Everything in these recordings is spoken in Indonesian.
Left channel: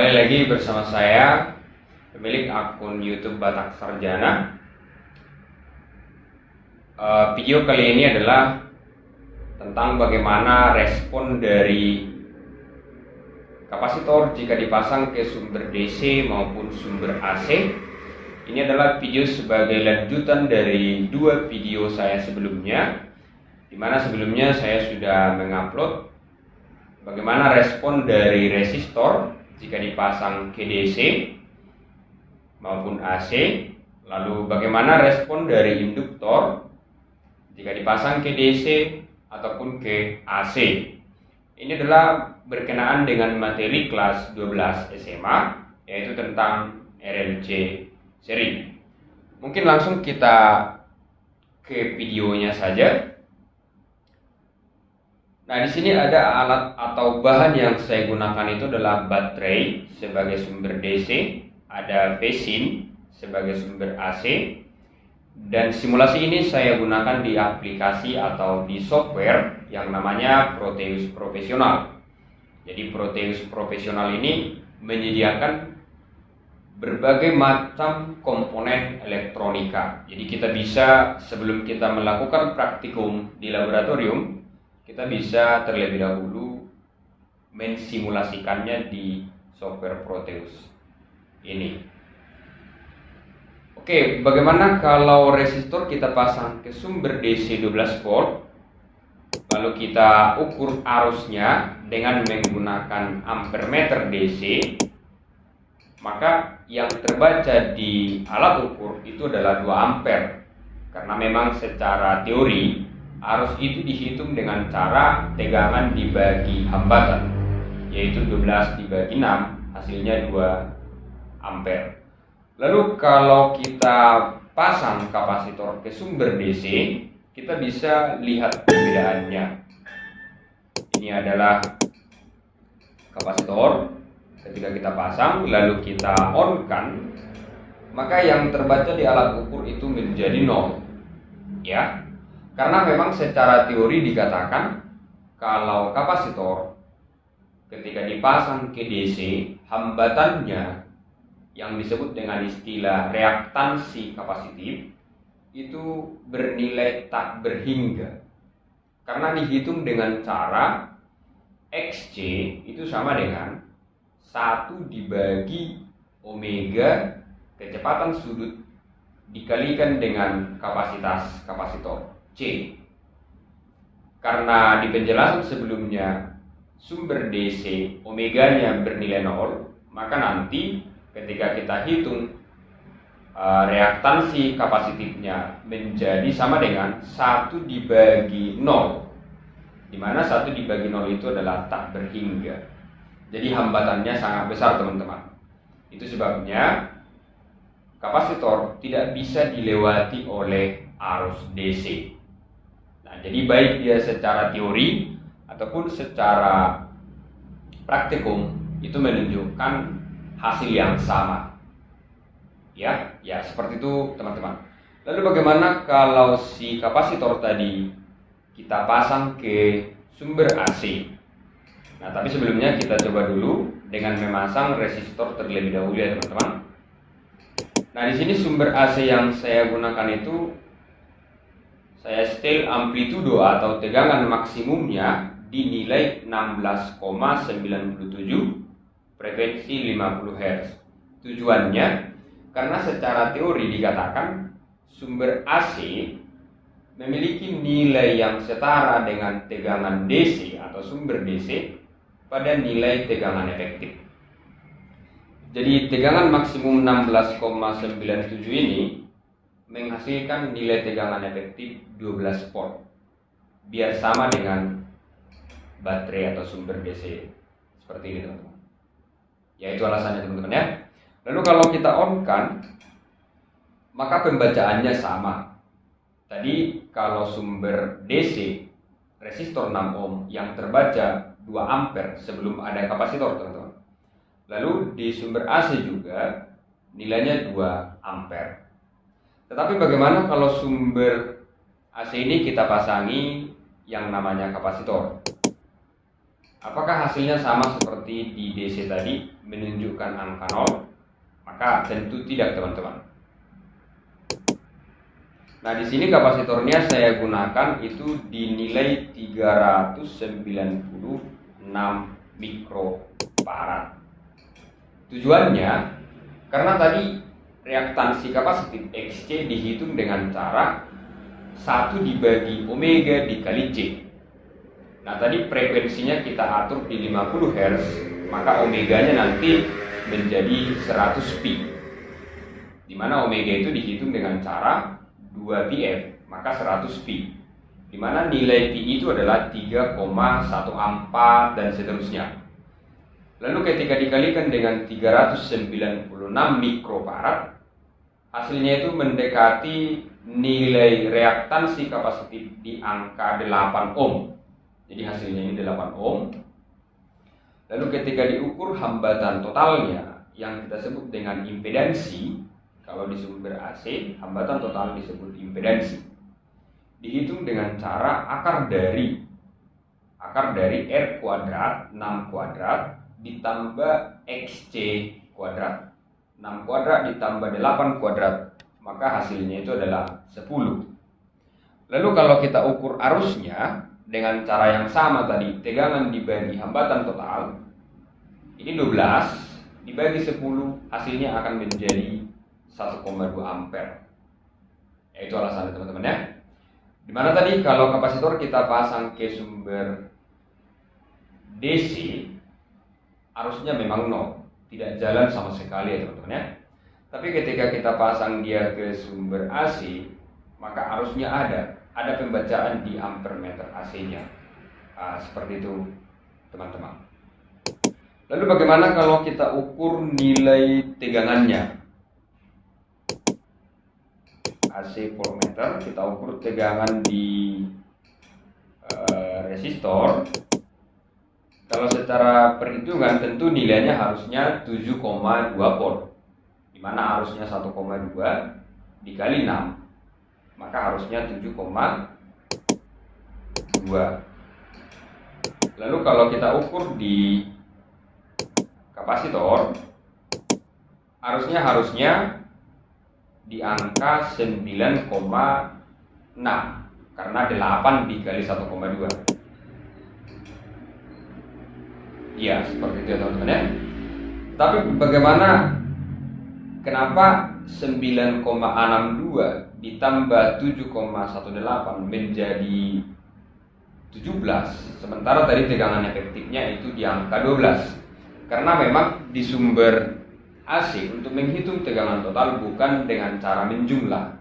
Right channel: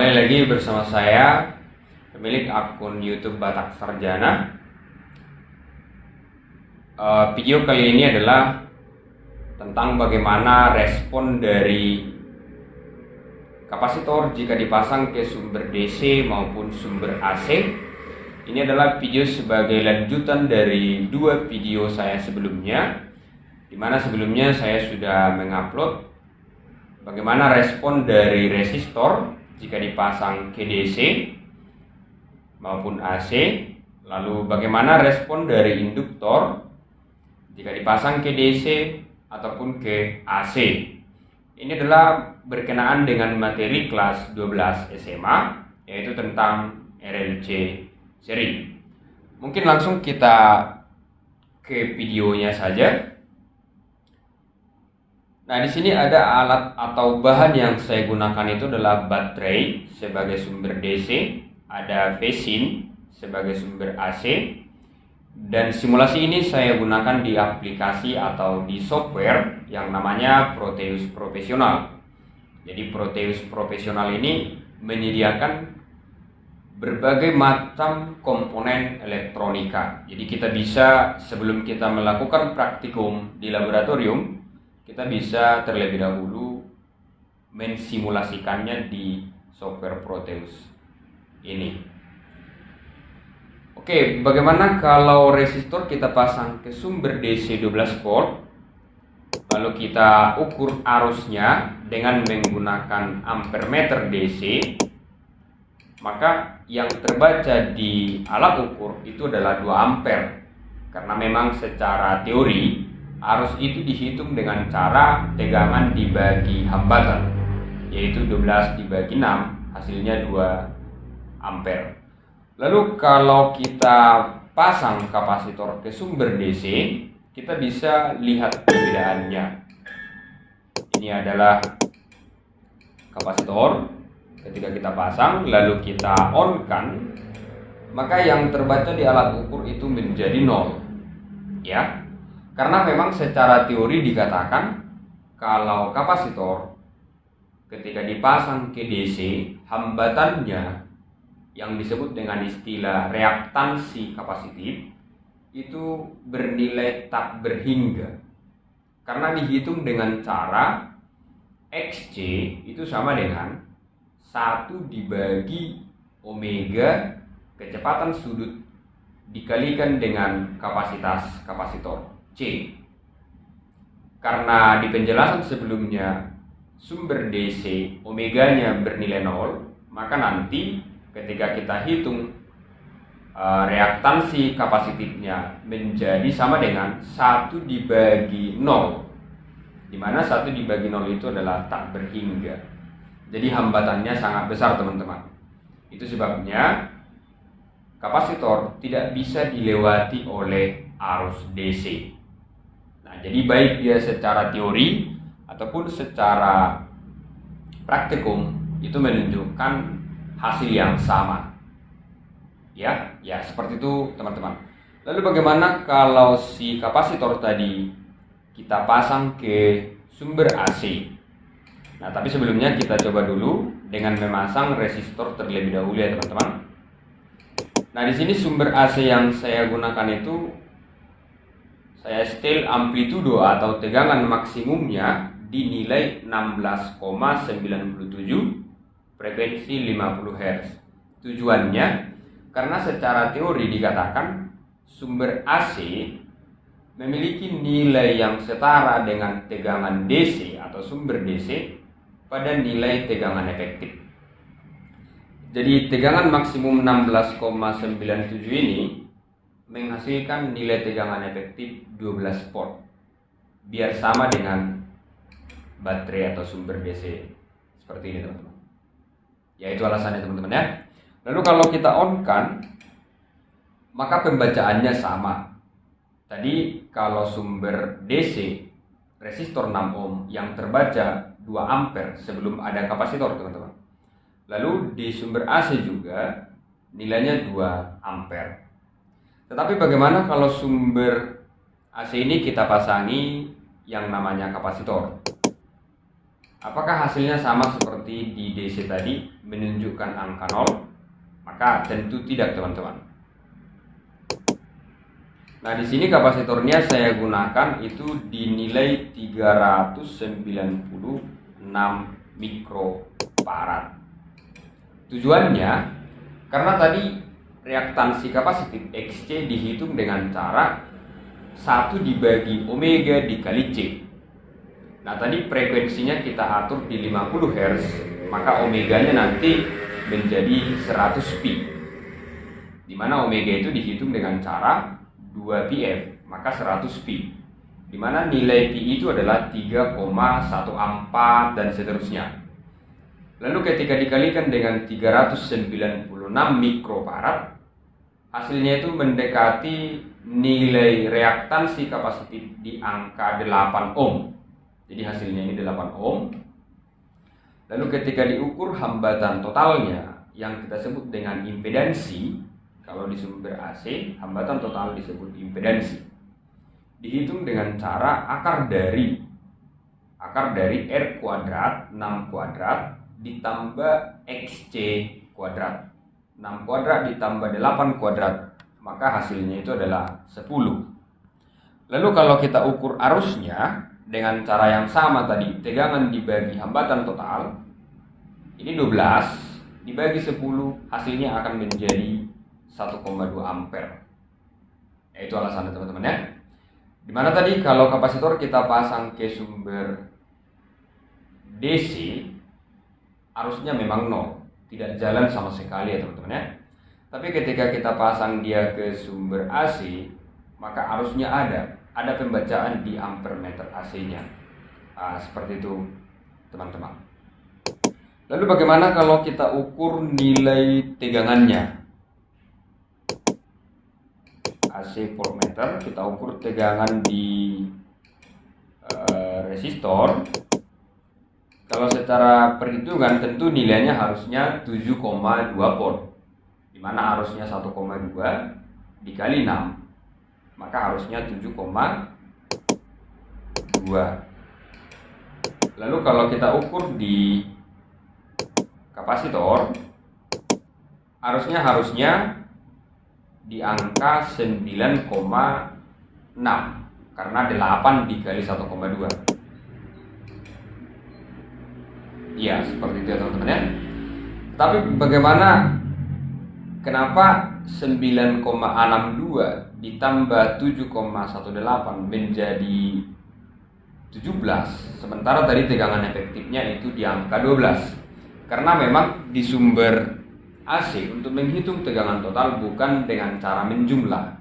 Kembali lagi bersama saya, pemilik akun YouTube Batak Sarjana. Video kali ini adalah tentang bagaimana respon dari kapasitor jika dipasang ke sumber DC maupun sumber AC. Ini adalah video sebagai lanjutan dari dua video saya sebelumnya, di mana sebelumnya saya sudah mengupload bagaimana respon dari resistor jika dipasang ke DC maupun AC, lalu bagaimana respon dari induktor jika dipasang ke DC ataupun ke AC. Ini adalah berkenaan dengan materi kelas 12 SMA, yaitu tentang RLC seri. Mungkin langsung kita ke videonya saja. Nah, di sini ada alat atau bahan yang saya gunakan itu adalah baterai sebagai sumber DC, ada vesin sebagai sumber AC, dan simulasi ini saya gunakan di aplikasi atau di software yang namanya Proteus Profesional. Jadi Proteus Profesional ini menyediakan berbagai macam komponen elektronika. Jadi kita bisa, sebelum kita melakukan praktikum di laboratorium, kita bisa terlebih dahulu mensimulasikannya di software Proteus ini. Oke, bagaimana kalau resistor kita pasang ke sumber DC 12 volt, lalu kita ukur arusnya dengan menggunakan ampermeter DC, maka yang terbaca di alat ukur itu adalah 2 ampere. Karena memang secara teori arus itu dihitung dengan cara tegangan dibagi hambatan, yaitu 12 dibagi 6, hasilnya 2 ampere. Lalu kalau kita pasang kapasitor ke sumber DC, kita bisa lihat perbedaannya. Ini adalah kapasitor. Ketika kita pasang lalu kita on kan, maka yang terbaca di alat ukur itu menjadi 0, ya. Karena memang secara teori dikatakan kalau kapasitor ketika dipasang ke DC, hambatannya yang disebut dengan istilah reaktansi kapasitif itu bernilai tak berhingga. Karena dihitung dengan cara XC itu sama dengan 1 dibagi omega kecepatan sudut dikalikan dengan kapasitas kapasitor C. Karena di penjelasan sebelumnya sumber DC omeganya bernilai 0, maka nanti ketika kita hitung reaktansi kapasitifnya menjadi sama dengan 1 dibagi 0, di mana 1 dibagi 0 itu adalah tak berhingga. Jadi hambatannya sangat besar, teman-teman. Itu sebabnya kapasitor tidak bisa dilewati oleh arus DC. Nah, jadi baik dia secara teori ataupun secara praktikum itu menunjukkan hasil yang sama. Ya seperti itu, teman-teman. Lalu bagaimana kalau si kapasitor tadi kita pasang ke sumber AC? Nah, tapi sebelumnya kita coba dulu dengan memasang resistor terlebih dahulu, ya teman-teman. Nah, di sini sumber AC yang saya gunakan itu saya setel amplitudo atau tegangan maksimumnya dinilai 16,97, frekuensi 50 Hz. Tujuannya karena secara teori dikatakan sumber AC memiliki nilai yang setara dengan tegangan DC atau sumber DC pada nilai tegangan efektif. Jadi tegangan maksimum 16,97 ini menghasilkan nilai tegangan efektif 12 volt, biar sama dengan baterai atau sumber DC seperti ini, teman-teman. Ya, itu alasannya, teman-teman, ya. Lalu kalau kita on kan, maka pembacaannya sama. Tadi kalau sumber DC resistor 6 ohm yang terbaca 2 ampere sebelum ada kapasitor, teman-teman. Lalu di sumber AC juga nilainya 2 ampere. Tetapi bagaimana kalau sumber AC ini kita pasangi yang namanya kapasitor? Apakah hasilnya sama seperti di DC tadi, menunjukkan angka 0? Maka tentu tidak, teman-teman. Nah, di sini kapasitornya saya gunakan itu dinilai 396 mikrofarad. Tujuannya karena tadi reaktansi kapasitif Xc dihitung dengan cara 1 dibagi omega dikali C. Nah, tadi frekuensinya kita atur di 50 Hz, maka omeganya nanti menjadi 100 pi. Di mana omega itu dihitung dengan cara 2 pf, maka 100 pi. Di mana nilai pi itu adalah 3,14 dan seterusnya. Lalu ketika dikalikan dengan 396 mikrofarad, hasilnya itu mendekati nilai reaktansi kapasitif di angka 8 ohm. Jadi hasilnya ini 8 ohm. Lalu ketika diukur hambatan totalnya yang kita sebut dengan impedansi, kalau di sumber AC hambatan total disebut impedansi, dihitung dengan cara akar dari R kuadrat 6 kuadrat ditambah XC kuadrat. 6 kuadrat ditambah 8 kuadrat, maka hasilnya itu adalah 10. Lalu kalau kita ukur arusnya dengan cara yang sama tadi, tegangan dibagi hambatan total, ini 12 dibagi 10, hasilnya akan menjadi 1,2 ampere. Itu alasannya, teman-teman ya. Dimana tadi kalau kapasitor kita pasang ke sumber DC, arusnya memang 0, tidak jalan sama sekali ya teman-teman ya. Tapi ketika kita pasang dia ke sumber AC, maka arusnya ada pembacaan di ampere meter AC-nya. Seperti itu teman-teman. Lalu bagaimana kalau kita ukur nilai tegangannya? AC voltmeter, kita ukur tegangan di resistor. Kalau secara perhitungan tentu nilainya harusnya 7,2 volt, dimana arusnya 1,2 dikali 6, maka harusnya 7,2. Lalu kalau kita ukur di kapasitor, harusnya di angka 9,6 karena 8 dikali 1,2. Ya, seperti itu teman-teman ya. Tapi bagaimana, kenapa 9,62 ditambah 7,18 menjadi 17, sementara tadi tegangan efektifnya itu di angka 12? Karena memang di sumber AC untuk menghitung tegangan total bukan dengan cara menjumlah.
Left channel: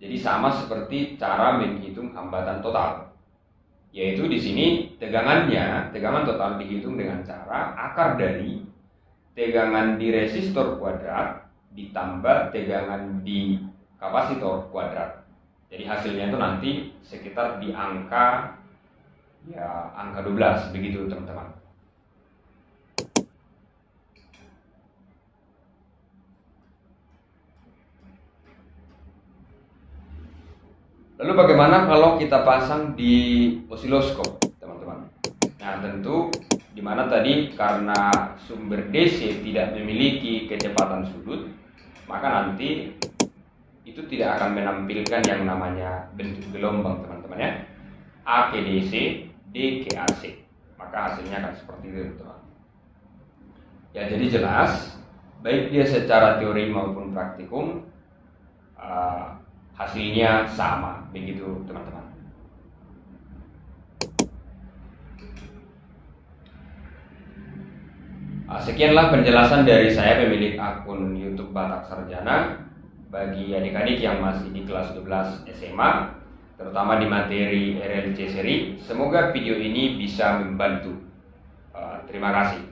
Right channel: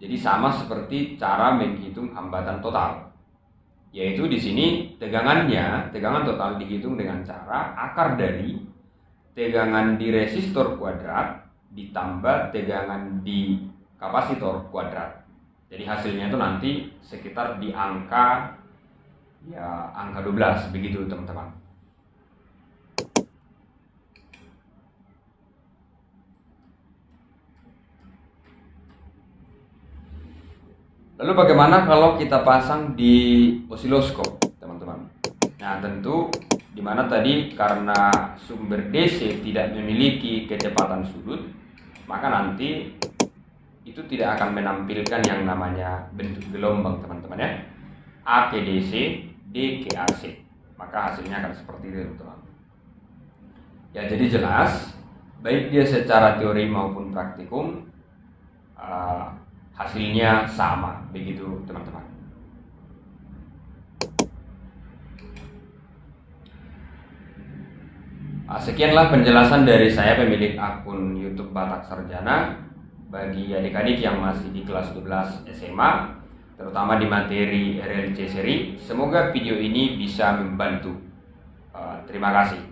Jadi sama seperti cara menghitung hambatan total. Yaitu di sini tegangan total dihitung dengan cara akar dari tegangan di resistor kuadrat ditambah tegangan di kapasitor kuadrat. Jadi hasilnya itu nanti sekitar di angka 12 begitu teman-teman. Lalu bagaimana kalau kita pasang di osiloskop, teman-teman? Nah, tentu dimana tadi karena sumber DC tidak memiliki kecepatan sudut, maka nanti itu tidak akan menampilkan yang namanya bentuk gelombang, teman-teman ya. A ke DC, D ke AC. Maka hasilnya akan seperti itu, teman-teman. Ya, jadi jelas baik dia secara teori maupun praktikum hasilnya sama, begitu teman-teman. Sekianlah penjelasan dari saya, pemilik akun YouTube Batak Sarjana. Bagi adik-adik yang masih di kelas 12 SMA, terutama di materi RLC seri, semoga video ini bisa membantu. Terima kasih.